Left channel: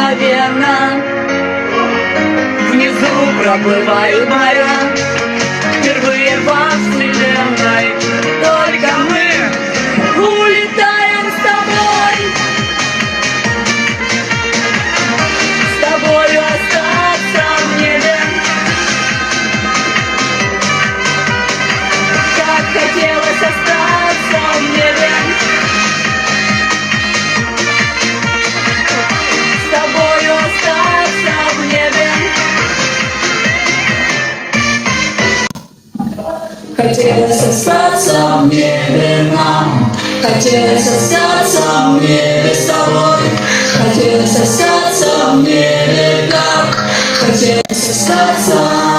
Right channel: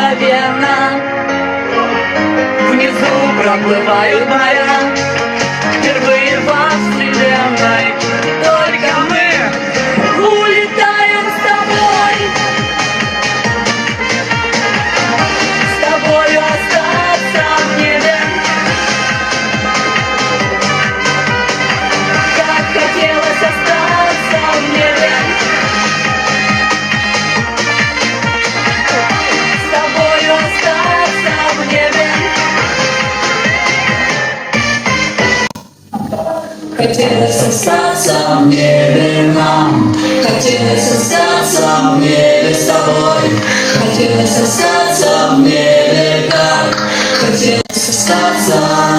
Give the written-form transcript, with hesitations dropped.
мгновенно. Внизу проплывают моря, впервые во вселенной только мы улетаем с тобой. С тобою остаться в небе. Так хотелось остаться в небе. С тобою остаться в небе. Хотелось остаться в небе нам. Хотелось остаться в небе с тобой. Хотелось остаться в небе как. Хотелось остаться